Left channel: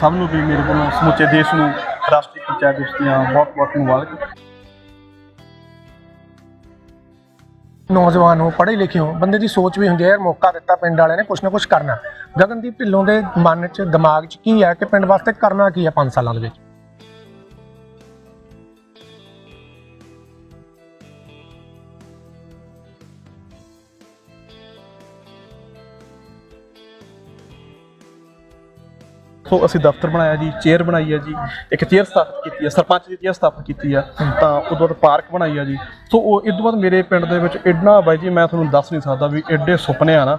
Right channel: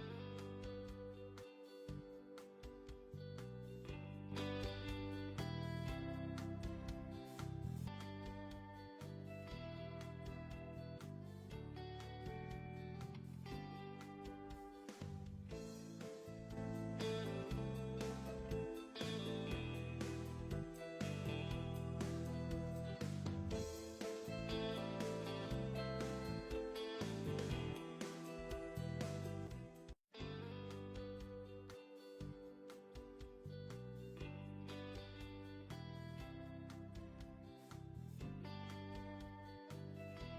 ਸਭ ਨੂੰ ਵੀ ਮੇਰੇ ਵੱਲੋਂ ਸਮੁੱਚੇ ਦੇਸ਼ ਨੂੰ ਰਾਸ਼ਟਰੀ ਪੰਚਾਇਤ ਦਿਵਸ ਦੀਆਂ ਬਹੁਤ ਬਹੁਤ ਮੁਬਾਰਕ। ਨੌਜਵਾਨ ਹੋ ਪੜ੍ਹੇ ਲਿਖੇ ਹੋ ਬੰਦੇ ਦੀ ਸੋਚ ਵੀ ਹੁੰਦੀ ਹੈ, ਯਾਰ ਮੌਕਾ ਦਿੱਤਾ, ਪਿੰਡ ਵਾਲਿਆਂ ਨੇ ਕੁਛ ਨਾ ਕੁਛ ਕਰਨਾ। ਗਗਨਦੀਪ ਢਿੱਲੋਂ ਦੇ ਮਨ 'ਚ, ਦਿਮਾਗ 'ਚ ਕੀ ਹੈ ਕਿ ਪਿੰਡ ਵਾਸਤੇ ਕਰਨਾ ਕੀ ਹੈ 5 ਸਾਲਾਂ ਦੇ ਵਿੱਚ? ਸੋ ਅਸੀਂ ਦਫ਼ਤਰ ਬਣਾਇਆ ਜੀ ਚੇਅਰ ਬਣਾਈ ਹੈ ਜੀ, ਇੱਕ ਚੇਅਰ ਸਥਾਪਿਤ ਕੀਤੀ ਹੈ ਸਰਪੰਚ ਦੀ ਚੇਅਰ ਸਥਾਪਿਤ ਕੀਤੀ ਹੈ ਤਾਂ ਉਦੋਂ ਬਾਅਦ ਪਾਰਕ ਬਣਾਈ ਹੈ ਜੀ। ਸੋ ਉਹ, ਇਸ ਤੋਂ ਬਾਅਦ ਮੇਰੇ ਪਿੰਡ ਦੇ ਵਿੱਚ ਐਡਾ ਬਾਈ ਜੀ, ਮੈਂ ਤੁਹਾਨੂੰ ਦੱਸ ਨਹੀਂ ਸਕਦਾ ਵੀ ਐਡੇ ਸੁਪਨੇ ਆ ਨਾ।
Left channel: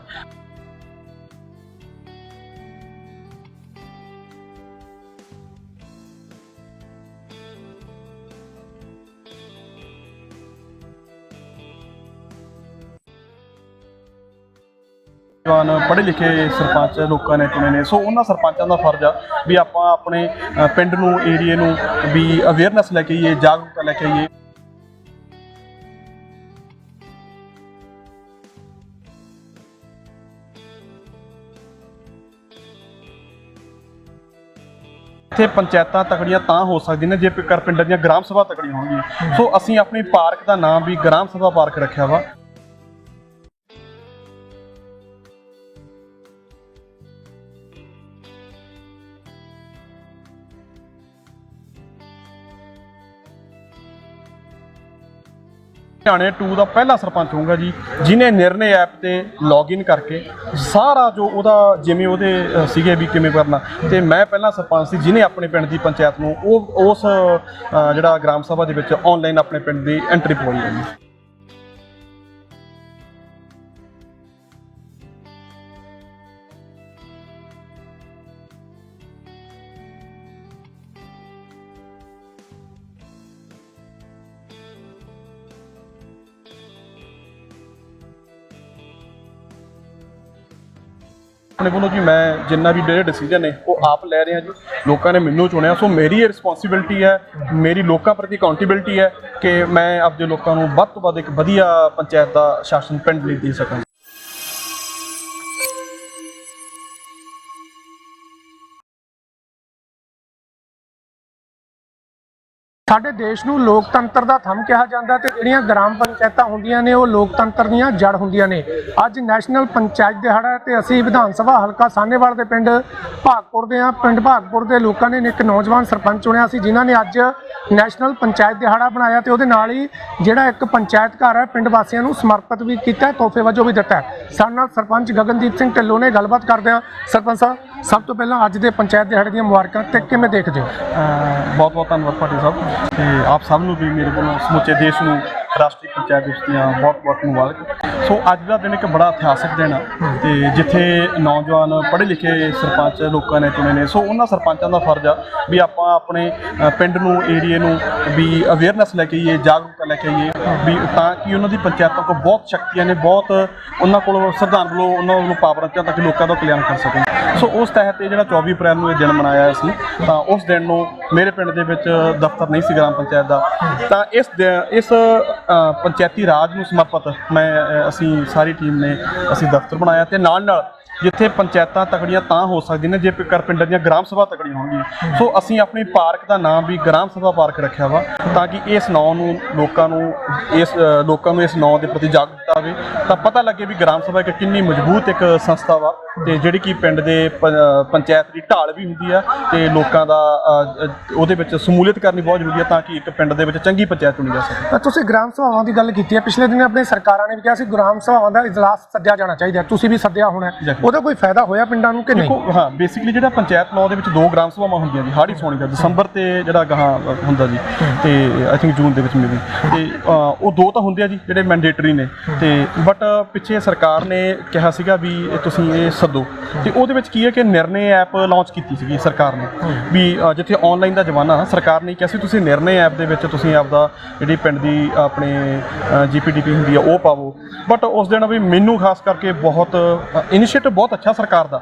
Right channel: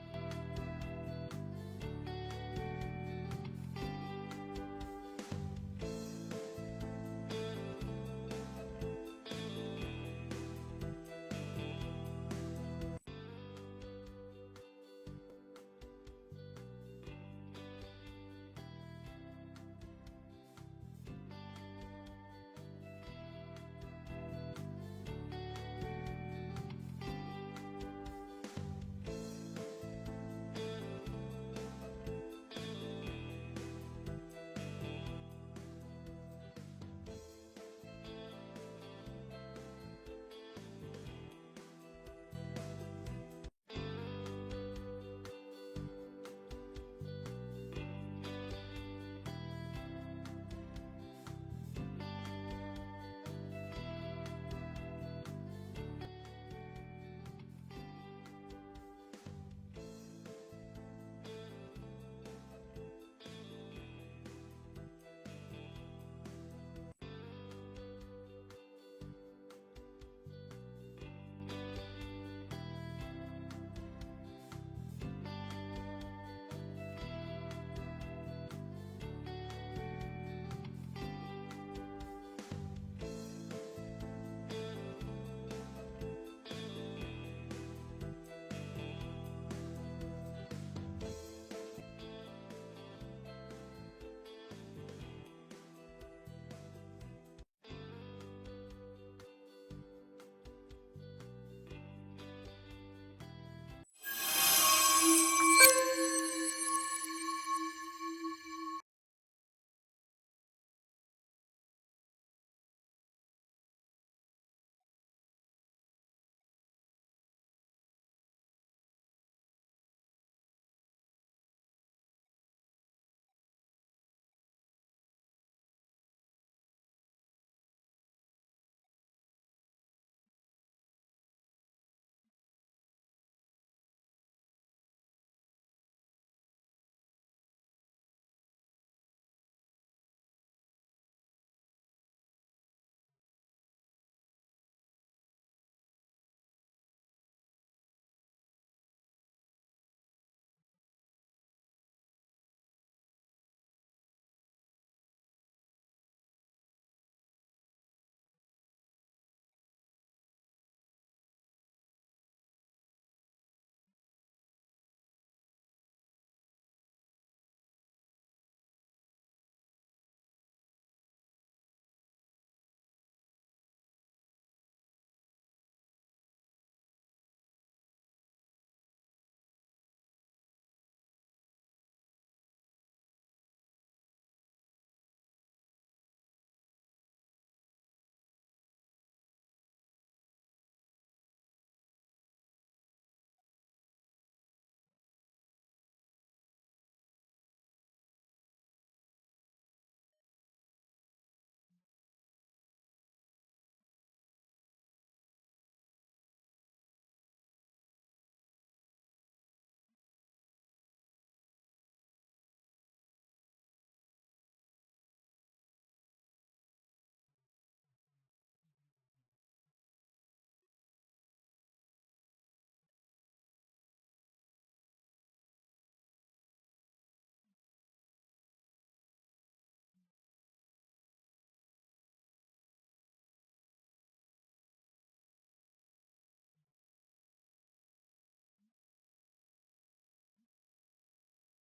ਜਵਾਨ ਪੜ੍ਹੇ ਲਿਖੇ ਸਰਪੰਚ ਲੋਕਾਂ ਨੇ ਚੁਣੇ ਨੇ। ਸੋ ਉਹਨਾਂ ਸਰਪੰਚਾਂ ਦਾ ਫਰਜ਼ ਆ ਵੀ ਆਪਾਂ ਆਪਣੇ ਪਿੰਡ ਨੂੰ ਏਰੀਏ ਨੂੰ ਵੀ ਅਵੇਅਰਨੈਸ ਲੈ ਕੇ ਆਈਏ ਜਾਗਰੂਕਤਾ ਲੈ ਕੇ ਆਈਏ। ਇੱਥੇ ਪੰਚਾਇਤਾਂ ਤਕੜੀਆਂ ਤਾਂ ਹੋ ਸਕਦੀਆਂ ਨੇ ਜੇਕਰ ਪਿੰਡਾਂ ਦੀਆਂ ਗ੍ਰਾਮ ਸਭਾ ਤਕੜੀਆਂ ਹੋਣਗੀਆਂ। ਸੋ ਅਸੀਂ ਆਪਣੀ ਪਾਰਕ ਦਾ ਨਾਮ ਵੀ ਗ੍ਰਾਮ ਸਭਾ ਪਾਰਕ ਰੱਖਿਆ ਵਾ। ਹਰਿਆਣੇ 2 ਦਾ ਪਹਿਲਾ ਸਰਪੰਚ ਹੋਊਗਾ ਜੀ ਜਿਨੇ ਨਿਰਣੇ ਐਪ ਤੇ ਲੌਗਇਨ ਕਰਕੇ ਸਾਰਾ ਜੋ ਉਹਦਾ ਜਿਵੇਂ ਉਹਦੇ ਅ, ਸੀਗੇ ਵੀ ਕਿਵੇਂ ਕਰਨਾ। ਤੇ ਮੈਂ ਪਹਿਲਾ ਸਰਪੰਚ ਸੀ ਜਿਨੇ ਆਪਣੇ ਪਿੰਡ ਦੀ ਪੰਚਾਇਤ ਨੂੰ ਉਹ ਉਸ ਅ, ਜਿਹੜਾ ਗ੍ਰਾਮ ਸਭਾ ਦੇ ਵਿੱਚ ਆਨਲਾਈਨ ਆਪਣੇ ਪਿੰਡ ਦੀ ਐਂਟਰੀ ਪਵਾਈ ਹੈ ਜੀ। ਆਪਣੇ ਵੱਲੋਂ ਜੀ ਮੈਂ ਜਿੰਨਾ ਵੀ ਜਿਹੜੇ ਡਿਸੀਜਨ ਨੇ, ਉਹ ਆਪ ਲੈ ਰਿਹਾ ਜੀ। ਲੋਕਾਂ ਨੇ ਮੈਨੂੰ ਚੁਣਿਆ, ਸੋ ਮੇਰੀ ਇਹ ਰਿਸਪੌਂਸਿਬਿਲਟੀ ਹੈ, ਮੇਰੀ ਲੋਕਾਂ ਪ੍ਰਤੀ ਅਕਾਊਂਟੇਬਿਲਟੀ ਹੈ ਕਿ ਮੈਂ ਆਪਦੇ ਲੋਕਾਂ ਨੂੰ ਵੱਧ ਤੋਂ ਵੱਧ ਇੱਕ ਵਧੀਆ ਪੰਚਾਇਤ ਦਾ ਸ਼ਾਸਨ ਪਿੰਡ ਲਈ ਦੇ ਸਕਾਂ। ਸਾਡੇ ਦੇਸ਼ ਨੂੰ ਲੋਕਤੰਤਰ ਦਾ ਥੰਮ ਕਿਹਾ ਜਾਂਦਾ ਤੇ ਜਿਹੜੀਆਂ ਗ੍ਰਾਮ ਪੰਚਾਇਤਾਂ ਹੁੰਦੀਆਂ ਨੇ, ਉਹ ਲੋਕਤੰਤਰ ਦੀਆਂ ਜੜ ਹੁੰਦੀਆਂ ਨੇ। ਅੱਜ ਨੈਸ਼ਨਲ ਪੰਚਾਇਤ ਦਿਹਾੜਾ ਹੈ ਤੇ ਅਸੀਂ ਵਿਧਾਨ ਸਭਾ ਹਲਕਾ ਸਾਹਨੇਵਾਲ ਦੇ ਪਿੰਡ ਭਾਗਪੁਰ ਦੇ ਆ ਪਿੰਡ ਭਾਗਪੁਰ ਦੇ ਲੋਕਾਂ ਨੇ ਇੱਕ ਨੌਜਵਾਨ ਸਰਪੰਚ ਚੁਣਿਆ ਸੀ, ਜਿਨ੍ਹਾਂ ਨੇ ਅੱਜ ਨੈਸ਼ਨਲ ਪੰਚਾਇਤ ਦਿਹਾੜਾ ਬਣਾਇਆ ਤੇ ਉਹਦੇ ਨਾਲ ਹੀ ਜਿਹੜਾ ਇੱਕ ਪੰਚਾਇਤ ਘਰ ਹੈ, ਪਿੰਡ ਵਾਸੀਆਂ ਨੂੰ ਸਮਰਪਿਤ ਵੀ ਕੀਤਾ ਤੋਹਫੇ ਵਜੋਂ ਵੀ ਦਿੱਤਾ ਸਾਡੇ ਨਾਲ ਸਰਪੰਚ ਗਗਨਦੀਪ ਸਿੰਘ ਢਿੱਲੋਂ ਨੇ ਗੱਲਬਾਤ ਕਰਦੇ ਆ ਸਰਪੰਚ ਸਾਹਿਬ ਸਭ ਤੋਂ ਪਹਿਲਾਂ ਅੱਜ ਦੇ ਪੰਚਾਇਤ ਦਿਹਾੜੇ ਦੀਆਂ ਮੁਬਾਰਕਾਂ ਤੇ ਕਿਵੇਂ ਦੇਖਦੇ ਹੋ? ਬਹੁਤ ਬਹੁਤ ਧੰਨਵਾਦ ਪਾਟਿਲ ਸਾਹਿਬ। ਤੇ ਆਪ ਸਭ ਨੂੰ ਵੀ ਮੇਰੇ ਵੱਲੋਂ ਸਮੁੱਚੇ ਦੇਸ਼ ਨੂੰ ਰਾਸ਼ਟਰੀ ਪੰਚਾਇਤ ਦਿਵਸ ਦੀਆਂ ਬਹੁਤ ਬਹੁਤ ਮੁਬਾਰਕ। ਸੋ ਅੱਜ ਦਾ ਦਿਨ ਇੱਕ ਬੜਾ ਇਤਿਹਾਸਕ ਦਿਨ ਆ ਤੇ ਜਿੱਥੇ ਨੌਜਵਾਨ ਪੜ੍ਹੇ ਲਿਖੇ ਸਰਪੰਚ ਲੋਕਾਂ ਨੇ ਚੁਣੇ ਨੇ। ਸੋ ਉਹਨਾਂ ਸਰਪੰਚਾਂ ਦਾ ਫਰਜ਼ ਆ ਵੀ ਆਪਾਂ ਆਪਣੇ ਪਿੰਡ ਨੂੰ, ਏਰੀਏ ਨੂੰ ਵੀ ਅਵੇਅਰਨੈਸ ਲੈ ਕੇ ਆਈਏ, ਜਾਗਰੂਕਤਾ ਲੈ ਕੇ ਆਈਏ ਵੀ ਤਾਂ ਕਿ ਉਹਨਾਂ ਦੀ ਪੰਚਾਇਤਾਂ ਕੋਲ ਬਹੁਤ ਸ਼ਕਤੀਆਂ ਨੇ, ਬਹੁਤ ਉਹਨਾਂ ਕੋਲ ਸੰਵਿਧਾਨ ਵੱਲੋਂ ਉਹਨਾਂ ਵੱਲੋਂ ਪਾਵਰਾਂ ਚ ਤਾਂ ਕਿ ਲੋਕਾਂ ਦਾ ਕਲਿਆਣ ਕਰ ਸਕਣ। ਸੋ ਉਸ ਤਹਿਤ ਇਹ ਜਿਹੜਾ 24 ਅਪ੍ਰੈਲ ਨੂੰ ਇਹ ਦਿਨ ਮਨਾਇਆ ਸੀ, ਤਾਂ ਉਸ ਦਿਨ ਨੂੰ ਮੇਰੇ ਪਿੰਡ ਦੇ ਵਿੱਚ ਦਫ਼ਤਰ ਨਹੀਂ ਸੀ ਗ੍ਰਾਮ ਪੰਚਾਇਤ ਦਾ। ਤਾਂ ਇਸ ਦਿ- ਇਸ ਪੰਚਾਇਤੀ ਰਾਜ ਨੂੰ ਸਮਰਪਿਤ ਮੈਂ ਅਸੀਂ ਸਾਰੀ ਟੀਮ ਨੇ ਅਸੀਂ ਦਫ਼ਤਰ ਬਣਾਇਆ ਤੇ ਨਾਲ ਨਾਲ ਜਿੱਥੇ ਪੰਚਾਇਤਾਂ ਤਕੜੀਆਂ ਤਾਂ ਹੋ ਸਕਦੀਆਂ ਨੇ, ਜੇ ਕਰ ਪਿੰਡਾਂ ਦੀਆਂ ਗ੍ਰਾਮ ਸਭਾ ਤਕੜੀਆਂ ਹੋਣਗੀਆਂ। ਸੋ ਅਸੀਂ ਆਪਣੀ ਪਾਰਕ ਦਾ ਨਾਮ ਵੀ ਗ੍ਰਾਮ ਸਭਾ ਪਾਰਕ ਰੱਖਿਆ ਵਾ, ਤਾਂ ਕਿ ਇਸ ਨਾਂ ਨੂੰ, ਲੋਕਾਂ ਨੂੰ ਇਸ ਲੋਕਾਂ ਨੂੰ ਇਸ ਨਾਂ ਦੇ ਪ੍ਰਤੀ ਜਾਗਰੂਕਤਾ ਆਵੇ। ਤਾਂ ਪਤਾ ਲੱਗੇ ਵੀ ਗ੍ਰਾਮ ਸਭਾ ਇੱਕ ਕਿੰਨੀ ਮਜ਼ਬੂਤ ਇੱਕ ਸੰਸਥਾ ਵਾ। ਤੇ ਜਿਹੜੀ ਕਿ ਪਿੰਡ ਦੇ ਪੰਚਾਇਤ ਦੀ ਢਾਲ ਵੀ ਹੁੰਦੀ ਆ ਤੇ ਲੋਕਾਂ ਦਾ ਉਹਦੇ ਵਿੱਚ ਸਮੂਲੀਅਤ ਕਰਨੀ ਬਹੁਤ ਜ਼ਰੂਰੀ ਆ ਤਾਂ ਕਿ ਇੱਕ ਪਿੰਡ ਦੇ ਵਿੱਚ ਚੰਗੀ ਪੰਚਾਇਤ ਚੁਣੀ ਜਾ ਸਕੇ ਤਾਂ ਤੁਸੀਂ ਗ੍ਰਾਮ ਸਭਾਵਾਂ ਦੀ ਗੱਲ ਕੀਤੀ ਹੈ ਪਿਛਲੇ ਦਿਨ ਆਪਣੇ ਸਰਕਾਰਾਂ ਨੇ ਵੀ ਕਿਹਾ ਸੀ ਗ੍ਰਾਮ ਸਭਾਵਾਂ ਦਾ ਇਜਲਾਸ ਸੱਦਿਆ ਜਾਣਾ ਚਾਹੀਦਾ। ਤੁਸੀਂ ਵੀ ਸੱਦਿਆ ਹੋਣਾ। ਉਹਦਾ ਕੋਈ ਫਾਇਦਾ ਹੋਇਆ ਪਿੰਡਾਂ ਨੂੰ ਕਿ ਨਹੀਂ ਦੇਖੋ ਹਾਂ ਬੇਸਿਕਲੀ ਜਿਹੜਾ ਪੰਚਾਇਤ ਲਾਅ ਦੇ ਵਿੱਚ ਦੋ ਗ੍ਰਾਮ ਸਭਾਵਾਂ ਹੁੰਦੀਆਂ ਜੀ ਹਾੜੀ ਸੋਣੀ ਦਾ ਦਸੰਬਰ ਤੇ ਜਿਹੜਾ ਗਾਹਾਂ ਹੁੰਦਾ ਜੀ ਤੇ ਆਈ ਥਿੰਕ ਜੂਨ ਦੇ ਵਿੱਚ ਮੇਬੀ ਤੇ ਉਹ ਦੋ ਤਾਂ ਹੁੰਦੇ ਆ ਜੀ ਜਿਹੜੇ ਮੈਂਡੇਟਰੀ ਨੇ ਤੇ ਬਟ ਪਿੱਛੇ ਸਰਕਾਰ ਨੇ ਕਿਹਾ ਸੀਗਾ ਵੀ ਤੁਸੀਂ ਇਹ ਸੱਦੋ। ਤੇ ਉਹਦੇ ਵਿੱਚ ਕੀ ਹੈ ਕਿ ਨਿਰਣੇ ਐਪ ਲਾਂਚ ਕੀਤੀ ਸੀਗੀ ਸਰਕਾਰ ਨੇ। ਵੀ ਜਿੱਥੇ ਆਨਲਾਈਨ ਦਾ ਜ਼ਮਾਨਾ ਸਰਕਾਰ ਨੇ ਕਿਹਾ ਸੀ ਤੁਸੀਂ ਨਿਰਣੇ ਐਪ ਦੇ ਵਿੱਚ ਤੁਸੀਂ ਆਪਦਾ ਜਿਹੜੀ ਪਿੰਡ ਦੀ ਆਪਣੇ ਜੀਪੀਡੀਪੀ ਹੁੰਦੀ ਆ ਉਹ ਪਾਵੋ। ਬਟ ਉਸ ਦਿਨ ਵੀ ਮੈਨੂੰ ਖਾਸ ਕਰਕੇ ਬਹੁਤ ਇਨੀਸ਼ੀਏਟਿਵ ਬਹੁਤ ਅੱਛਾ ਸਰਕਾਰ ਦਾ।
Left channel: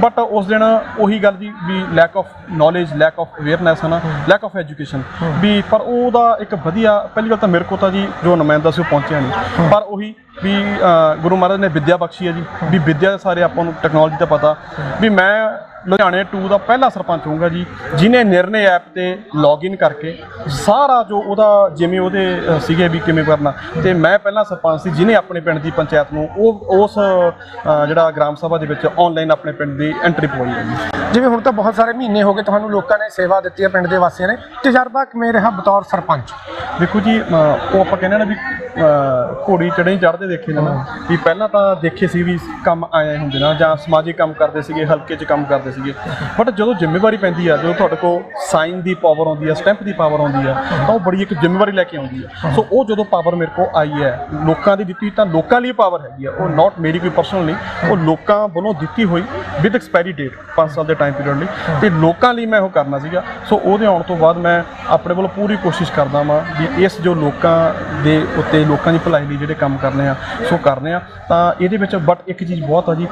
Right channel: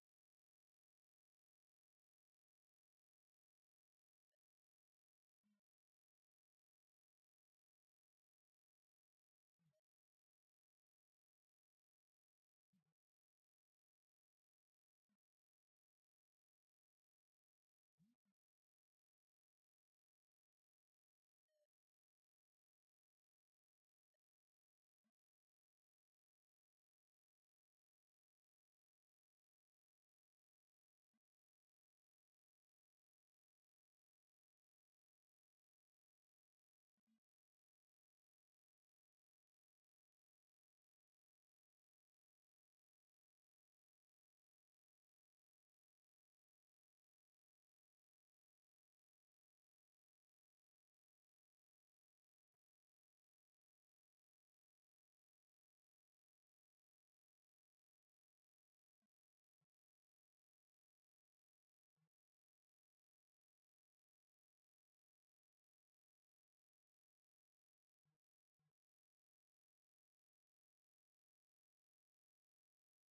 ਬਟ ਉਸ ਦਿਨ ਉਹੀ ਗੱਲ ਦੀ ਵੀ lack of knowledge lack of awareness ਹੈ। ਨਾ ਲੈਕ ਆਫ ਐਜੂਕੇਸ਼ਨ ਵੀ ਪਰ ਉਹਦਾ ਇੱਕ ਵਧੀਆ ਪਹਿਲੀ ਗੱਲ ਤਾਂ ਮੇਰੇ ਕੋਲ ਤਾਂ ਜੀ ਜੋ ਨੁਮਾਇੰਦਾ ਸੀ ਉਹ ਪਹੁੰਚਿਆ ਨਹੀਂ। ਪਰ ਉਹੀ ਵੀ ਗੁਰੂ ਮਹਾਰਾਜ ਨੇ ਵਿੱਦਿਆ ਬਖਸ਼ੀ ਹੈ ਜੀ। ਵੀ ਵਿੱਦਿਆ ਦੇ ਸਾਰੇ ਆਪਾਂ ਨੂੰ ਟੈਕਨੋਲੋਜੀ ਦਾ ਪਤਾ। ਵੀ ਮੈਂ ਲੁਧਿਆਣੇ 2 ਦਾ ਪਹਿਲਾ ਸਰਪੰਚ ਹੋਊਗਾ ਜੀ ਜਿਨੇ ਨਿਰਣੇ ਐਪ ਤੇ ਲੌਗਇਨ ਕਰਕੇ ਸਾਰਾ ਜੋ ਉਹਦਾ ਜਿਵੇਂ ਉਹਦੇ ਸੀਗੇ ਵੀ ਕਿਵੇਂ ਕਰਨਾ। ਤੇ ਮੈਂ ਪਹਿਲਾ ਸਰਪੰਚ ਸੀ ਜਿਨੇ ਆਪਣੇ ਪਿੰਡ ਦੀ ਪੰਚਾਇਤ ਨੂੰ ਉਹ ਉਸ ਜਿਹੜਾ ਗ੍ਰਾਮ ਸਭਾ ਦੇ ਵਿੱਚ ਆਨਲਾਈਨ ਆਪਣੇ ਪਿੰਡ ਦੀ ਐਂਟਰੀ ਪਵਾਈ ਹੈ ਜਿਵੇਂ ਹੁਣ ਤਾਂ ਬਹੁਤ ਸਾਰੇ ਮਹੀਨੇ ਹੋ ਗਏ ਤੁਹਾਨੂੰ ਲੋਕਾਂ ਨੇ ਸੇਵਾ ਦਿੱਤੀ ਹੈ ਪਿੰਡ ਦੇ ਵਾਸੀਆਂ ਨੇ। ਤਜਰਬਾ ਕਿਵੇਂ ਰਿਹਾ ਬਤੌਰ ਸਰਪੰਚ? ਦੇਖੋ ਜੀ ਉਹ ਆਪਾਂ ਕਹਿੰਦੇ ਨਾ ਵੀ ਘੋੜੀ ਚੜ੍ਹੇ ਚੜ੍ਹਦੇ ਦੇਖੇ ਨੇ ਨਾ ਵੀ ਪਹਿਲਾਂ ਤਾਂ ਦੇਖੇ ਸੀ ਵੀ ਕੰਮ ਆਏ ਹੁੰਦੇ ਨਾ, ਜਾਂ ਸਮਾਜਿਕ ਕੰਮ ਕਰਦੇ ਸੀਗੇ, ਹਲਕੇ 'ਚ ਕੰਮ ਕਰਦੇ ਸੀਗੇ। ਬਟ ਜਦੋਂ ਜ਼ਿੰਮੇਵਾਰੀ ਪੈਂਦੀ ਆ, ਜਦੋਂ ਤੁਹਾਡੇ ਕੋਲ ਸਾਈਨ ਦੀ ਪਾਵਰ ਆਉਂਦੀ ਆ ਸਟੈਂਪ ਦੀ ਪਾਵਰ ਆਉਂਦੀ ਆ, ਤਾਂ ਉਹ ਬੜੀ ਇੱਕ ਜ਼ਿੰਮੇਵਾਰੀ ਲੈ ਕੇ ਆਉਂਦੀ ਆ। ਸੋ ਉਹ ਜਦੋਂ ਪਾਵਰ ਮੇਰੇ ਕੋਲ ਆਈ ਹੈ, ਲੋਕਾਂ ਦੀ ਦਿੱਤੀ ਤਾਂ ਲੋਕਾਂ ਲਈ ਪਾਵਰ ਹੈਗੀ ਆ। ਉਹ ਨਾਟ ਮੇਰੀ ਕੋਈ ਪਰਸਨਲ ਨਹੀਂ, ਉਹ ਲੋਕਾਂ ਵੱਲੋਂ ਦਿੱਤੀ ਹੋਈ ਵਿਦ ਐਕਸਪਾਇਰੀ ਡੇਟ 5 ਸਾਲ ਦੇ ਟਾਈਮ ਪੀਰੀਅਡ ਲਈ। ਤੇ ਲੋਕਾਂ ਲਈ ਮੈਂ ਉਹ ਕਰਨਾ ਸੀਗਾ। ਸੋ ਉਹਦੇ ਆਉਣ ਤੋਂ ਬਾਅਦ ਮੈਂ ਆਪਣੇ ਵੱਲੋਂ ਪੂਰੀ ਕੋਸ਼ਿਸ਼ ਕਰਦਾ ਵਾਂ ਵੀ ਇਸ ਜੋ ਲੋਕਾਂ ਦੇ ਉੱਤੇ ਲੋਕਾਂ ਦੀ ਭਲਾਈ ਲਈ ਜਿਹੜੇ ਕੰਮ ਕਰਨੇ ਆ ਸੋ ਕਰਨੇ ਆ। ਤਾਂ ਇਹਦੇ ਵਿੱਚ ਬਟ ਇੱਕ ਚੀਜ਼ ਬਹੁਤ ਆ ਜੀ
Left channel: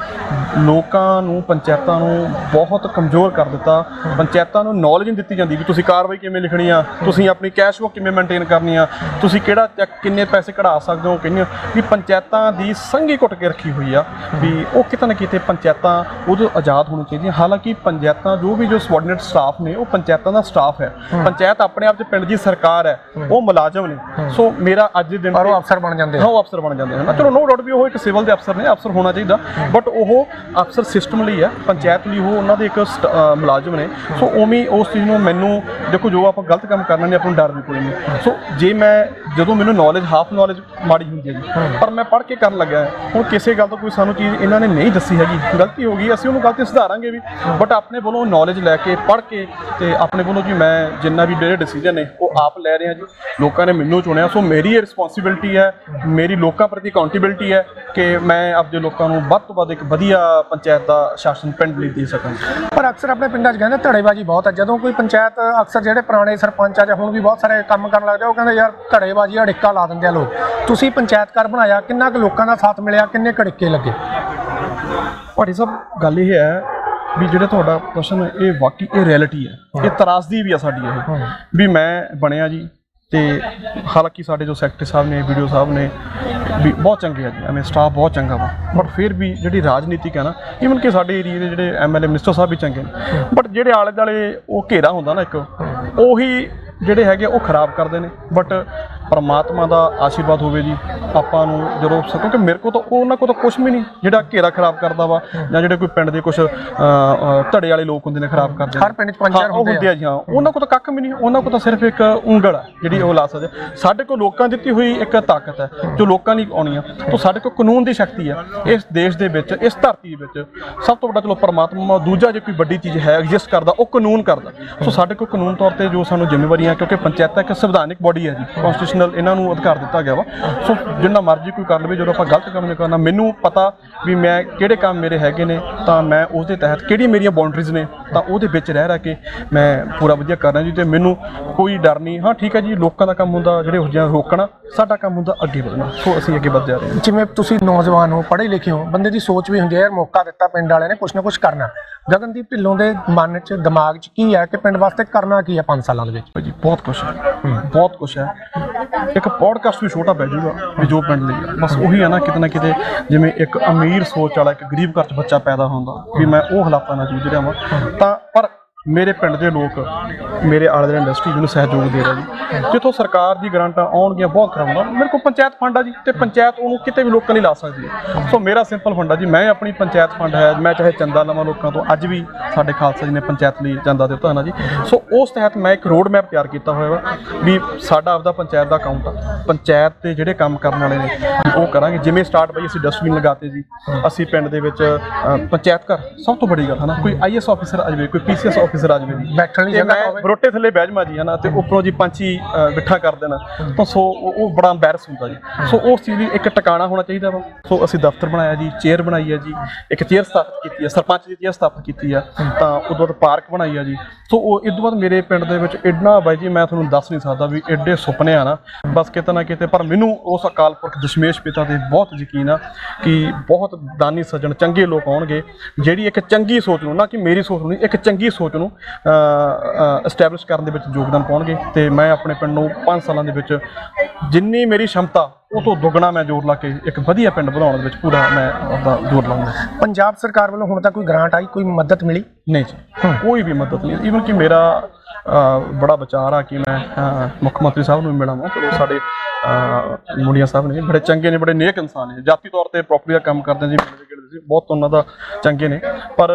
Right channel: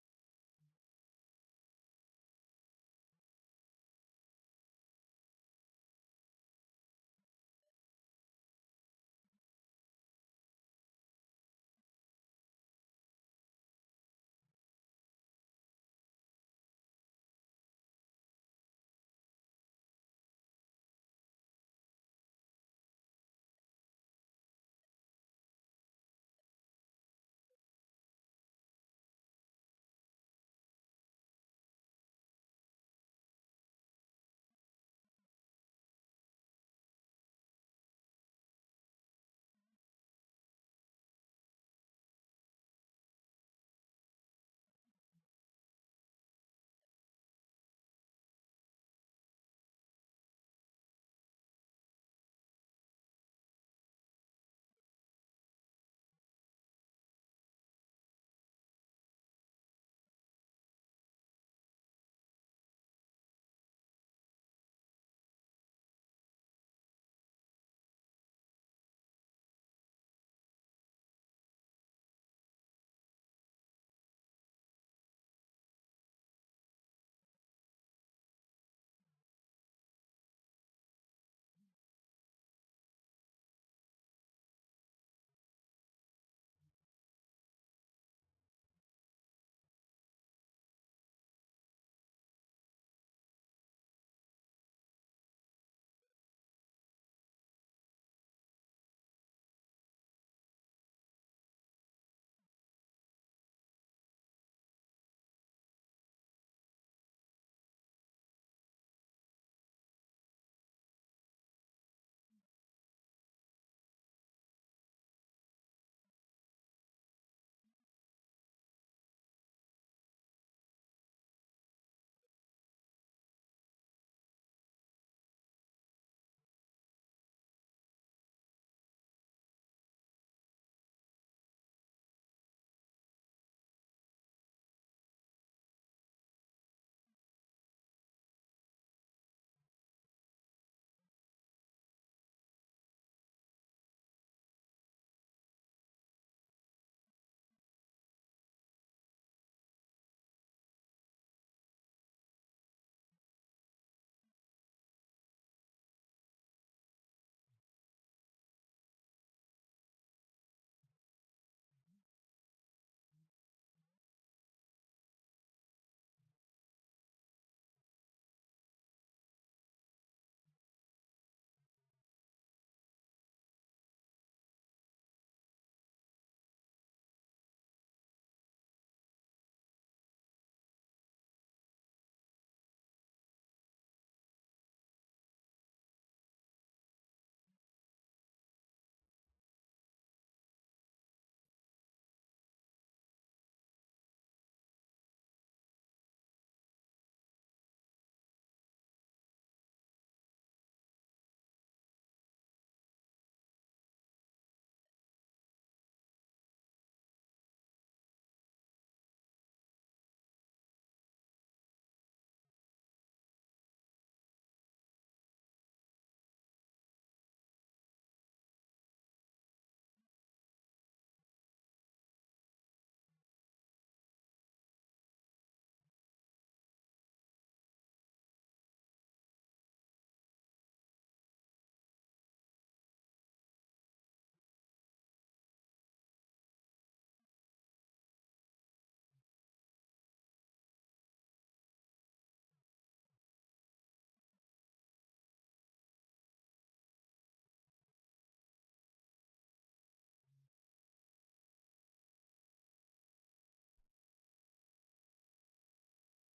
ਲੋਕਾਂ ਨੂੰ ਪੰਚਾਇਤਾਂ ਨੂੰ ਬਹੁਤ ਕਮਜ਼ੋਰ ਕਰ ਦਿੱਤਾ। ਪੰਚਾਇਤਾਂ ਨੂੰ ਨੌਲੇਜ ਨਹੀਂ ਦਿੱਤੀ ਜਾਂਦੀ ਵੀ ਤੁਸੀਂ ਕਾਰਵਾਈ ਕਿਵੇਂ ਲਿਖਣੀ ਆ ਤੁਸੀਂ ਆਪਣੀ ਕੈਸ਼ ਬੁੱਕ ਕਿਵੇਂ ਮੇਨਟੇਨ ਕਰਨੀ ਆ ਤੁਸੀਂ ਕਿਹੜਾ ਚੈੱਕ ਕਿੰਨੇ ਪੈਸੇ ਕਢਾ ਸਕਦੇ ਹੋ ਕਿੰਨੇ ਵੀ ਪੰਚਾਇਤਾਂ ਦੀ ਸੰਘੀ ਘੁੱਟ ਕੇ ਰੱਖੀ ਹੋਈ ਆ ਵੀ ਉਹ ਕਿਤੇ ਨਾ ਕਿਤੇ ਪੰਚਾਇਤਾਂ ਉਹਦੇ ਆਜ਼ਾਦ ਹੋਣੀ ਚਾਹੀਦੀਆਂ ਹਾਲਾਂਕਿ ਪੰਚਾਇਤਾਂ ਜੋ ਵੀ ਜੋ ਸਬੋਰਡੀਨੇਟ ਸਟਾਫ ਨੇ ਉਹ ਪੰਚਾਇਤਾਂ ਦਾ ਸਟਾਫ ਹੈ। ਪੰਚਾਇਤ ਆਪਣੇ ਆਪ 'ਚ ਪਿੰਡ ਦੀ ਸਰਕਾਰ ਹੈ ਉਹ ਮੁਲਾਜ਼ਮ ਨੇ। ਸੋ ਮੇਰਾ ਅੱਜ ਦੇ ਦਿਨ ਪਰ ਉਹ ਅਫਸਰ ਬਣ ਜਾਂਦੇ ਹਾਂ, ਉਹ ਅਫਸਰ ਬਣ ਜਾਂਦੇ ਹਨ ਚਲੋ ਨੋ ਡਾਊਟ ਵੀ ਉਹ ਇੱਕ ਸਿਵਲ ਦੇ ਅਫਸਰ ਨੇ, ਅਫਸਰ ਹੋਣਾ ਚਾਹੀਦਾ। ਬਟ ਉਹ ਅਫਸਰ ਸਿਸਟਮ ਲਈ ਹੈ ਪੰਚਾਇਤ ਲਈ ਉਹ ਉਹਨਾਂ ਦੇ ਇੱਕ ਸਟ- ਮੁਲਾਜ਼ਮ ਨੇ। ਸੋ ਉਵੇਂ ਉਸ ਚੀਜ਼ ਨੂੰ ਮੈਨੂੰ, ਦੇਖੋ, ਜੋ ਆਪਾਂ ਗਲਤ ਕੰਮ ਕਰਨਾ ਨਹੀਂ, ਆਪਾਂ ਨੂੰ ਡਰ ਵੀ ਕੋਈ ਨਹੀਂ। ਸੋ ਜੇ ਮੈਂ, ਜਦੋਂ ਮੈਨੂੰ ਨੌਲੇਜ ਹਾਫ ਨੌਲੇਜ ਮਾੜੀ ਹੁੰਦੀ ਹੈ ਜੀ ਪਰ ਮੈਂ ਪੜ੍ਹ ਕੇ ਕਰਨ ਲੱਗਾ ਹੁਣ ਕਿਸੇ ਗੱਲ ਤੋਂ ਕੋਈ ਸਾਨੂੰ ਚੀਜ਼ ਇਹਨਾਂ ਨੇ ਨਹੀਂ ਦੱਸੀ ਹੈਗੀ, ਗਲਤੀ ਹੋ ਗਈ, ਅਸੀਂ ਉਹਨੂੰ ਗਲਤੀ ਸੁਧਾਰਾਂਗੇ ਵੀ। ਬਟ ਆਪਣੇ ਵੱਲੋਂ ਨੌਲੇਜ ਲੈ ਕੇ, ਪੜ੍ਹ ਕੇ, ਤੇ ਆਪਣੇ ਵੱਲੋਂ ਜੀ ਮੈਂ ਜਿੰਨਾ ਵੀ ਮੇਰੇ ਡਿਸੀਜਨ ਨੇ, ਉਹ ਆਪ ਲੈ ਰਿਹਾ ਜੀ। ਲੋਕਾਂ ਨੇ ਮੈਨੂੰ ਚੁਣਿਆ ਸੋ ਮੇਰੀ ਇਹ ਰਿਸਪੌਂਸਿਬਿਲਟੀ ਹੈ ਮੇਰੀ ਲੋਕਾਂ ਪ੍ਰਤੀ ਅਕਾਊਂਟੇਬਿਲਟੀ ਹੈ ਕਿ ਮੈਂ ਆਪਦੇ ਲੋਕਾਂ ਨੂੰ ਵੱਧ ਤੋਂ ਵੱਧ ਇੱਕ ਵਧੀਆ ਪੰਚਾਇਤ ਦਾ ਸ਼ਾਸਨ ਪਿੰਡ ਲਈ ਦੇ ਸਕਾਂ। ਪਰ ਅਕਸਰ ਆਪਣੇ ਪਿੰਡਾਂ 'ਚ ਕਹਿੰਦੇ ਧੜੇਬਾਜ਼ੀ ਬਹੁਤ ਹੈ। ਜਦੋਂ ਕੋਈ ਪੰਚਾਇਤ ਅਕਸਰ ਜਿਹੜੇ ਪੁਰਾਣੇ ਸਰਪੰਚ ਆ ਜਾਂ ਹੁਣ ਵੀ ਬਹੁਤ ਸਾਰੇ ਕੰਮ ਕਰਨ ਲੱਗਦੇ ਉਹ ਕਹਿੰਦੇ ਯਾਰ ਧੜੇਬਾਜ਼ੀ ਅੜਿੱਕਾ ਲਾ ਦਿੰਦੇ ਆ ਲੋਕ। ਤੁਸੀਂ ਪੰਚਾਇਤ ਘਰ ਬਣਾਇਆ ਕਿੰਨਾ ਕੁ ਲੋਕਾਂ ਦਾ ਸਾਥ ਮਿਲਿਆ ਕਿੰਨੇ ਕੜਿੱਕੇ ਲੱਗੇ? ਭਾਟੀ ਸਾਹਿਬ ਗੱਲ ਇਹ ਹੈ ਵੀ ਜਿਹੜਾ ਤੁਹਾਡਾ ਪ੍ਰਸ਼ਨ ਹੈ ਇਹ ਵਾਕਈ ਇਹ ਰਿਐਲਿਟੀ ਹੈ। ਇਹ ਤਰਾਸਦੀ ਵੀ ਆ ਸਾਡੀ ਇਹ। ਵੀ ਮੈਂ ਬਣਿਆ ਜੀ ਤੇ ਹਾਲਾਂਕਿ ਸਾਡੇ ਜੋ ਸੈਕਟਰੀ ਸਾਹਿਬ ਨੇ ਵੀਡੀਓ ਸਾਹਿਬ ਨੇ ਵੀ ਬਹੁਤ ਚੰਗੇ ਆ ਜੀ, ਐਵੇਂ ਸਟਾਫ ਬਹੁਤ ਚੰਗਾ ਵਾ। ਬਟ ਫਿਰ ਵੀ ਜਿਹੜੀ ਰਾਜਨੀਤਿਕ ਹੈ ਨਾ ਇਵਨ ਕਿ ਸਾਡੇ ਏਰੀਆ ਦੇ ਜਿਹੜੇ ਐਮਐਲਏ ਮਿਨਿਸਟਰ ਸਾਹਿਬ ਵੀ ਚੰਗੇ ਨੇ। ਬਟ ਜਿਹੜੇ ਆਲੇ ਦਾਲੇ ਉਹ ਘੇਰਾ ਹੁੰਦਾ ਨਾ ਇੱਕ, ਉਹੀ ਜਿਹੜੇ ਹੈਗੇ ਉਹ ਖਰਾਬ ਕਰਦੇ ਨੇ। ਬਟ ਪਰਮਾਤਮਾ ਦਾ ਆਸ਼ੀਰਵਾਦ ਹੋਵੇ ਜੀ ਆਪਾਂ ਨੂੰ ਜਦੋਂ ਕਿਉਂਕਿ ਮੇਰੇ ਕੋਲ ਤਾਂ ਉਹਨਾਂ ਕੋਲ ਤਾਂ ਕੁਝ ਵੀ ਨਹੀਂ ਜਿਹੜਾ ਘੇਰਾ ਖਰਾਬ ਕਰਦਾ ਵਾ ਜਾਂ ਜਿਹੜੇ ਕੋਈ ਪਿੰਡ ਦੇ ਕੁਝ ਧੜੇ ਵਾਲੇ ਲੋਕ ਹੁੰਦੇ ਨੇ ਖਰਾਬ ਕਰਦੇ। ਹਰ ਪਿੰਡ 'ਚ ਪੰਜ ਹਾਂ, ਚਾਰ ਹੁੰਦੇ ਆ। ਜੀ ਹਾਂ। ਉਹਨਾਂ ਕੋਲ ਤਾਂ ਕੱਖ ਵੀ ਨਹੀਂ ਉਹਨਾਂ ਕੋਲ ਤਾਂ ਸਿਰਫ ਇੱਕ ਉਂਗਲ ਆ ਜਿਹੜੀ ਉਹ ਲਾ ਸਕਦੇ। ਸਾਡੇ ਕੋਲ ਲੋਕਾਂ ਦੀ ਦਿੱਤੀ ਹੋਈ ਇੱਕ ਤਾਕਤ ਹੈ ਜੋ ਲੋਕਾਂ ਦੀ ਆਉਣੀ ਆ। ਤੋਂ ਸਾਡੇ ਕੋਲ ਕਾਨੂੰਨ ਦੀ ਸ਼ਕਤੀ ਆ ਇਸ ਦੇਸ਼ ਦੇ ਵਿੱਚ ਇਸ ਧਰਤੀ ਵਿੱਚ। ਸਭ ਤੋਂ ਵੱਡਾ ਚਲੋ ਪਰਮਾਤਮਾ ਦੂਜਾ ਜੇ ਕੋਈ ਵੱਡੀ ਚੀਜ਼ ਹੈ ਐਗਜ਼ਿਸਟ ਕਰਦਾ ਉਹ ਕਾਨੂੰਨ ਕਰਦਾ। ਸੋ ਸਾਡੇ ਕੋਲ ਕਾਨੂੰਨ ਤੌਰ ਤੇ ਜੋ ਸਾਨੂੰ ਜ਼ਿੰਮੇਵਾਰੀਆਂ ਕਿਉਂਕਿ ਪੰਚਾਇਤਾਂ ਇੱਕ ਸੰਵਿਧਾਨਿਕ ਬੋਡੀ ਹੈ ਜੀ ਕਨਸਟੀਟਿਊਸ਼ਨਲ ਇਹਨਾਂ ਨੂੰ ਅਧਿਕਾਰ ਦਿੱਤਾ ਗਿਆ ਵਾ। ਸੋ ਜਿੰਨਾ ਮਰਜ਼ੀ ਕੋਈ ਕਰ ਲਵੇ ਜਦੋਂ ਆਪਾਂ ਗਲਤ ਕੰਮ ਨਹੀਂ ਕਰਨਾ ਮੈਨੂੰ ਪਤਾ ਵੀ ਮੈਂ ਕਿਹੜੇ ਕੰਮ ਮੇਰੇ ਹੈਗੇ ਨੇ ਤਾਂ ਮੈਂ ਉਸ ਦੇ ਤਹਿਤ ਕਿਹੜੀਆਂ ਮੇਰੀਆਂ ਬਾਉਂਡਰੀਜ਼ ਨੇ ਤਾਂ ਉਹਦੇ ਵਿੱਚ ਰਹਿ ਰਹਿ ਕੇ ਮੈਂ ਪੂਰਾ ਵਧੀਆ ਕਰਨਾ ਜੀ ਤੇ ਮੈਨੂੰ ਕੋਈ ਡਰ ਨਹੀਂ। ਹਾਂ ਠੀਕ ਹੈ ਜੀ ਲੋਕਾਂ ਦਾ ਕੰਮ ਹੁੰਦਾ ਜਿਹੜੇ ਉਹ ਰੋਕਣਾ ਸਾਡਾ ਕੰਮ ਹੁੰਦਾ ਅੱਗੇ ਵਧਣਾ। ਸੋ ਅਸੀਂ ਅੱਗੇ ਵੱਧ ਜਾ ਰਹੇ ਹਾਂ। ਜਿਵੇਂ ਤੁਸੀਂ ਨੌਜਵਾਨ ਹੋ ਪੜ੍ਹੇ ਲਿਖੇ ਹੋ ਬੰਦੇ ਦੀ ਸੋਚ ਵੀ ਹੁੰਦੀ ਹੈ ਯਾਰ ਮੌਕਾ ਦਿੱਤਾ ਪਿੰਡ ਵਾਲਿਆਂ ਨੇ ਕੁਛ ਨਾ ਕੁਛ ਕਰਨਾ। ਗਗਨਦੀਪ ਢਿੱਲੋਂ ਦੇ ਮਨ 'ਚ ਦਿਮਾਗ 'ਚ ਕੀ ਹੈ ਕਿ ਪਿੰਡ ਵਾਸਤੇ ਕਰਨਾ ਕੀ ਹੈ 5 ਸਾਲਾਂ ਦੇ ਵਿੱਚ? ਭਾਜੀ ਬਹੁਤ ਕੁਛ ਹੈ। ਬਹੁਤ ਕੁਛ ਹੈ। ਇੱਕ ਪੋਡਕਾਸਟ ਵੀ ਛੋਟਾ ਪੈ ਜਾਊਗਾ ਵੀ ਜੋ ਪਿੰਡ ਲਈ ਆ। ਬਸ ਉਹੀ ਹੈ ਨਾ ਕਿਤੇ ਨਾ ਕਿਤੇ ਜਿਵੇਂ ਇੱਕ ਅਮੀਰ ਸੋਚ ਵਾਲਾ, ਇੱਕ ਗਰੀਬ ਘਰ 'ਚ ਬੱਚਾ ਪੈਦਾ ਹੁੰਦਾ, ਵੀ ਮੈਂ ਉਹ ਹਾਲਾਤਾਂ ਨਾਲ ਜੂਝ ਰਿਹਾ ਵਾਂ ਤਾਂ ਪਰ ਮੇਰੇ ਪਿੰਡ ਦੇ ਲੋਕ ਮੇਰੇ ਆਲੇ ਦੁਆਲੇ ਇੰਡਸਟਰੀ ਮੈਨੂੰ ਸਹਿਯੋਗ ਦੇ ਰਿਹਾ ਜੀ ਜਿੱਥੋਂ ਸਰਕਾਰ ਦੀ ਗ੍ਰਾਂਟਾਂ ਆਉਣਗੀਆਂ, ਬਹੁਤ ਕਰਾਉਂਦਾ। ਮੇਰੇ ਕੋਲ ਪੰਚਾਇਤ ਫੰਡ ਆ ਜੀ ਤੇ ਪੰਚਾਇਤ ਉਹਨੂੰ ਕਿਤੇ ਵੀ ਲੋਕਾਂ ਲਈ ਲਾ ਸਕਦੀ ਹੈ। ਸੋ ਮੇਰਾ ਸਿੰਪਲ ਫੰਡ ਆ ਜੀ, ਮੈਂ ਆਪਣੀ ਪੰਚਾਇਤ ਫੰਡ ਹੈ, ਮੈਂ ਚਾਹੇ ਚੰਦਾ ਲਵਾਂ ਲੋਕਾਂ ਤੋਂ, ਅੱਜ ਵੀ ਸਾਡੇ ਖਾਲਸਾ ਜੀ ਨੇ ਪੰਚਾਇਤ ਲਈ ਚੰਦਾ ਦਿੱਤਾ ਹੈ ਨਾ ਜੀ। ਸੋ ਉਸ ਤਹਿਤ ਮੈਂ ਇੱਕ ਰੋਡ ਮੈਪ ਤਿਆਰ ਕੀਤਾ ਹੋਇਆ ਵਾ ਵੀ ਸਾਡਾ ਆਪਦਾ ਪੰਚਾਇਤ ਦਾ ਅਕਾਊਂਟ ਆ। ਪੰਚਾਇਤ ਤੇ ਜਿਹੜੇ ਕੰਮ ਕਰਨ ਵਾਲੇ ਨੇ ਉਹ ਕਰਾਂਗੇ। ਜਿਵੇਂ ਸਟਾਰਟ ਬਈ ਅਸੀਂ ਡਸਟਬਿਨ ਲਗਾਤੇ ਜੀ, ਅਸੀਂ ਪਿੰਡ ਦੇ ਵਿੱਚ ਪੰਚਾਇਤ ਘਰ, ਸਭ ਤੋਂ ਵੱਡੀ ਗੱਲ ਹੈ ਨਾ, ਕੋਈ ਆਈਐਸ ਆਫੀਸਰ ਆ ਜਾਵੇ, ਕੋਈ ਪੀਸੀਐਸ ਆਫੀਸਰ ਆ ਜਾਵੇ ਜੀ ਬੈਠਣ ਲਈ ਜਗ੍ਹਾ ਹੋਵੇ ਬਰੋਟੇ ਥੱਲੇ ਬਹਿ ਜਾਵਾਂ ਜੀ ਹਨਾ ਤੇ ਉੱਪਰੋਂ ਜੀ ਪੰਛੀ ਬਿਠਾ ਕਰ ਦੇਣਾ। ਤਾਂ ਸੋ ਉਹ ਬੜਾ ਐਮਬੈਰਸ ਹੁੰਦਾ ਜੀ। ਸੋ ਉਸ ਚੀਜ਼ ਲਈ ਇੱਕ ਟਿਕਾਣਾ ਹੋਣਾ ਚਾਹੀਦਾ ਵਾ। ਸੋ ਅਸੀਂ ਦਫ਼ਤਰ ਬਣਾਇਆ ਜੀ ਚੇਅਰ ਬਣਾਈ ਹੈ ਜੀ ਇੱਕ ਚੇਅਰ ਸਥਾਪਿਤ ਕੀਤੀ ਹੈ ਸਰਪੰਚ ਦੀ ਚੇਅਰ ਸਥਾਪਿਤ ਕੀਤੀ ਆ ਤਾਂ ਉਦੋਂ ਬਾਅਦ ਪਾਰਕ ਬਣਾਈ ਆ ਜੀ। ਸੋ ਉਹ ਇਸ ਤੋਂ ਬਾਅਦ ਮੇਰੇ ਪਿੰਡ ਦੇ ਵਿੱਚ ਇੰਨਾ ਬਾਈ ਜੀ ਮੈਂ ਤੁਹਾਨੂੰ ਦੱਸ ਨਹੀਂ ਸਕਦਾ ਵੀ ਐਡੇ ਸੁਪਨੇ ਆ ਨਾ। ਬਸ ਕਿਤੇ ਨਾ ਕਿਤੇ ਪਰ ਮੈਨੂੰ ਉਸ ਅਕਾਲ ਪੁਰਖ ਦਸ਼ਮੇਸ਼ ਪਿਤਾ ਤੇ ਬਹੁਤ ਯਕੀਨ ਆ ਕਿ ਬਹੁਤ ਦਾਨੀ ਸੱਜਣ ਚੰਗੇ ਲੋਕ ਆਉਣਗੇ। ਜਿਹੜੀ ਇੱਕ ਚੰਗੀ ਸੋਚ ਨੂੰ ਨਾ ਕਿ ਮੇਰੀ ਸੋਚ ਨੂੰ ਇੱਕ ਚੰਗੀ ਸੋਚ ਨੂੰ ਐਸਟੈਬਲਿਸ਼ ਕਰਨ ਦੇ ਵਿੱਚ ਯੋਗਦਾਨ ਪਾਉਣਗੇ ਤੇ ਮੈਂ ਆਪਣੇ ਪਿੰਡ ਨੂੰ 5 ਸਾਲਾਂ ਦੇ ਵਿੱਚ ਜਿੰਨੀ ਮੇਰੀ ਸ਼ਮਤਾ ਉਹ ਤੋਂ ਦੁੱਗਣਾ ਮੈਂ ਜ਼ੋਰ ਲਾ ਕੇ ਇੱਕ ਵਧੀਆ ਪਿੰਡ ਬਣਾਉਣ ਦੇ ਵਿੱਚ ਪੂਰਾ ਮੈਂ ਆਪਦਾ ਜ਼ੋਰ ਲਾਉਂਗਾ ਪੰਜਾਬ ਸਰਕਾਰ ਵੱਲੋਂ ਹੁਣ ਤੱਕ ਕੋਈ ਗ੍ਰਾਂਟ ਆਈ ਕੋਈ ਮਦਦ ਮਿਲੀ? ਨਹੀਂ ਜੀ ਕੋਈ ਵੀ ਮਦਦ ਨਹੀਂ। ਈਵਨ ਕਿ ਮੇਰਾ ਬੜਾ ਵਿਚਾਰ ਆ ਕਿ ਮੈਂ ਮੁੱਖ ਮੰਤਰੀ ਸਾਹਿਬ ਨੂੰ ਵੀ ਮਿਲਾਂਗਾ ਚਲੋ ਸਾਡੇ ਮੁੰਡੀਆਂ ਸਾਹਿਬ ਨੇ, ਬੜੇ ਚੰਗੇ ਨੇ, ਬੜੇ ਨੇਕ ਇਨਸਾਨ ਨੇ। ਜਾਤੀ ਤੌਰ ਤੇ ਪ੍ਰੋਪਰਟੀ ਦਾ ਕੰਮ ਕਰਦੇ ਜੀ ਮਿਲਦੇ ਗਿਲਦੇ ਸੀ, ਬਹੁਤ ਉਹਨਾਂ ਦਾ ਚੰਗੇ ਨੇ। ਪਰ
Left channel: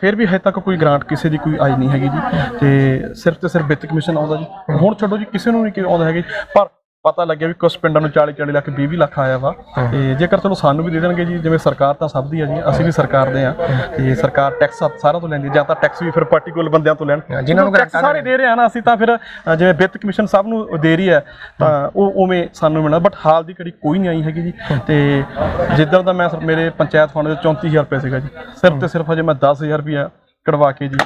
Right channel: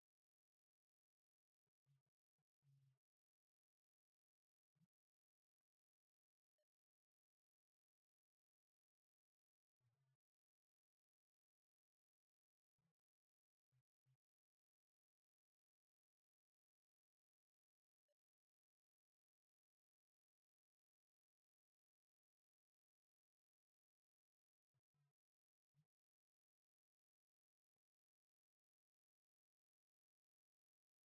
ਫਿਰ ਵੀ ਹਜੇ ਤੱਕ ਕੋਈ ਗ੍ਰਾਂਟ ਕਿਸੇ ਦੀ ਕੋਈ ਆਈ ਨਹੀਂ ਹੈਗੀ ਜੀ। ਤੇ ਸਿਰਫ ਤੇ ਸਿਰਫ ਵਿੱਤ ਕਮਿਸ਼ਨ ਆਉਂਦਾ ਜੀ। ਹੁਣ ਛੱਡੋ ਜੀ, ਕਿਸੇ ਨੂੰ ਨਹੀਂ ਕਿ ਆਉਂਦਾ ਹੈਗਾ ਜੀ। ਪਰ ਪਤਾ ਲੱਗਿਆ ਵੀ ਕੁਝ ਪਿੰਡਾਂ ਨੂੰ 40 40 ਲੱਖ 20 20 ਲੱਖ ਆਇਆ ਵਾ। ਤੇ ਜੇਕਰ ਚਲੋ ਸਾਨੂੰ ਵੀ ਦੇ ਦੇਣਗੇ ਜੀ ਜਿਵੇਂ ਸਰਕਾਰ ਤਾਂ ਸਭ ਦੀ ਆ ਜੀ ਅਸੀਂ ਵੀ ਸਰਕਾਰ ਦੇ ਆ। ਤੇ ਸਰਕਾਰ ਟੈਕਸ ਸਾਰਾ ਤੋਂ ਲੈਂਦੀ ਜਾਂ ਤਾਂ ਟੈਕਸ ਵੀ ਫਿਰ ਪਾਰਟੀਕੂਲਰ ਬੰਦਿਆਂ ਤੋਂ ਲੈਣ। ਜਿਨ੍ਹਾਂ ਨੂੰ ਟੈਕਸ ਗ੍ਰਾਂਟਾਂ ਸਾਰੇ ਦੇ ਰਹੇ ਆ ਨਾ ਅਸੀਂ ਤਾਂ ਫਿਰ ਜਿਵੇਂ ਵਿੱਤ ਕਮਿਸ਼ਨ ਸਭ ਨੂੰ ਦੇ ਰਹੀ ਹੈ ਤਾਂ ਉਹ ਉਵੇਂ ਸਾਨੂੰ ਮਿਲਣਾ। ਬਟ ਹਾਲ ਦੀ ਘੜੀ ਕੋਈ ਨਹੀਂ ਆਈ ਹੈਗੀ ਜੀ। ਤੇ ਜਿੱਦਾਂ ਦਾ ਮੈਂ ਮੇਰੇ ਪੰਚਾਇਤ ਫੰਡ ਦੇ 34000 ਰੁਪਏ ਸੀਗਾ ਜੀ। ਸਿਰਫ ਤੇ ਸਿਰਫ ਹਜੇ ਮੈਂ 10000 ਰੁਪਇਆ ਕਢਵਾ ਕੇ ਜੀ।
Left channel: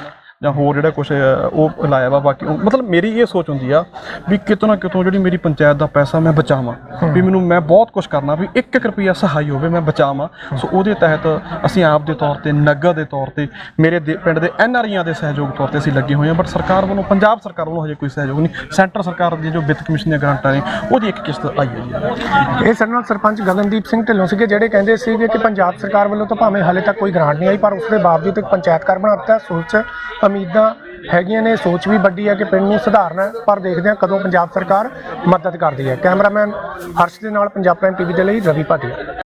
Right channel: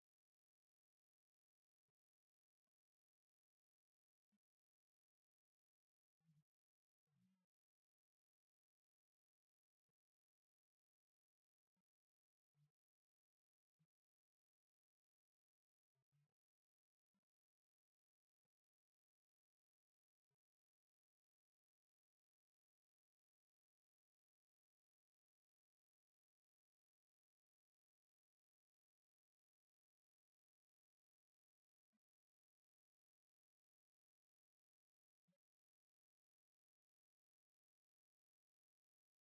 ਜਾਂ ਹੋਰ ਜਿਹੜਾ ਕੁਝ ਉਹ ਲਾਇਆ ਵਾ ਬਾਕੀ ਉਹ- ਮਤਲਬ ਮੇਰੀ ਇਹ ਸੋਚ ਹੁੰਦੀ ਆ ਵੀ ਕਿਤੋਂ ਨਾ ਕਿਤੋਂ ਜਿਹੜੀ ਮੇਰੀ ਪੰਚਾਇਤ ਦਾ ਪੈਸਾ ਮੈਂ ਬਚਾਵਾਂ ਵੀ ਮੈਨੂੰ ਮੈਂ ਬਹੁਤ ਕੁਝ ਕਰਨਾ ਵੀ 1-1 ਰੁਪਿਆ ਸਹਾਈ ਹੋਵੇ ਮੈਂ ਬਚਾਵਾਂ। ਸੋ ਉਹਦੇ ਤਹਿਤ ਅਸੀਂ ਆਪ ਦੇ ਤੌਰ ਤੇ ਨਗਰ ਦੇ ਤੌਰ ਤੇ ਮੇਰੇ ਦੇ- ਪਿੰਡ ਦੇ ਐਨਆਰਆਈਆਂ ਦੇ ਸਹਿਯੋਗ ਤੌਰ ਤੇ ਅਸੀਂ ਲੱਗੇ ਹੋਏ ਹਾਂ ਬਟ ਸਰਕਾਰ ਵੱਲੋਂ ਪੰਜਾਬ ਸਰਕਾਰ ਵੱਲੋਂ ਹਜੇ ਕੋਈ ਸਹਿਯੋਗ ਨਹੀਂ। ਸੈਂਟਰ ਸਰਕਾਰ ਦੀ ਜੋ ਵਿੱਤ ਕਮਿਸ਼ਨ ਦੀਆਂ ਗ੍ਰਾਂਟਾਂ ਨੇ ਉਹਦੀ ਇੱਕ ਕਿਸ਼ਤ ਆਈ ਹੈ ਜੀ ਇਹ ਸਾਡੇ ਨਾਲ ਸਰਪੰਚ ਗਗਨਦੀਪ ਸਿੰਘ ਢਿੱਲੋਂ ਸੀਗੇ ਜਿਹੜੇ ਕਹਿੰਦੇ ਸੀਗੇ ਕਿ ਪੰਜਾਬ ਸਰਕਾਰ ਵੱਲੋਂ ਤਾਂ ਭਾਵੇਂ ਹਾਲੇ ਤੱਕ ਕੋਈ ਗ੍ਰਾਂਟ ਨਹੀਂ ਆਈ ਪਰ ਉਸ ਦੇ ਬਾਵਜੂਦ ਇੱਕ ਪੰਚਾਇਤ ਘਰ ਬਣਾ ਦਿੱਤਾ ਸੋਚ ਉਮੀਦਾਂ ਹੈਗੀਆਂ ਨੇ, ਸੋਚ ਵੀ ਵੱਡੀ ਹੈ ਕਿ ਪਿੰਡ ਨੂੰ ਸੁਧਾਰਨਾ ਪਰ ਦੇਖਦੇ ਹਾਂ ਕਦੋਂ ਪੰਜਾਬ ਸਰਕਾਰ ਮਦਦ ਕਰਦੀ ਹੈ। ਕੈਮਰਾਮੈਨ ਹਰਸ਼ ਦੇ ਨਾਲ ਪੰਜਾਬ ਪ੍ਰਾਈਮ ਟੀਵੀ ਦੇ ਲਈ ਰਵੀ ਭਾਟੀਆ।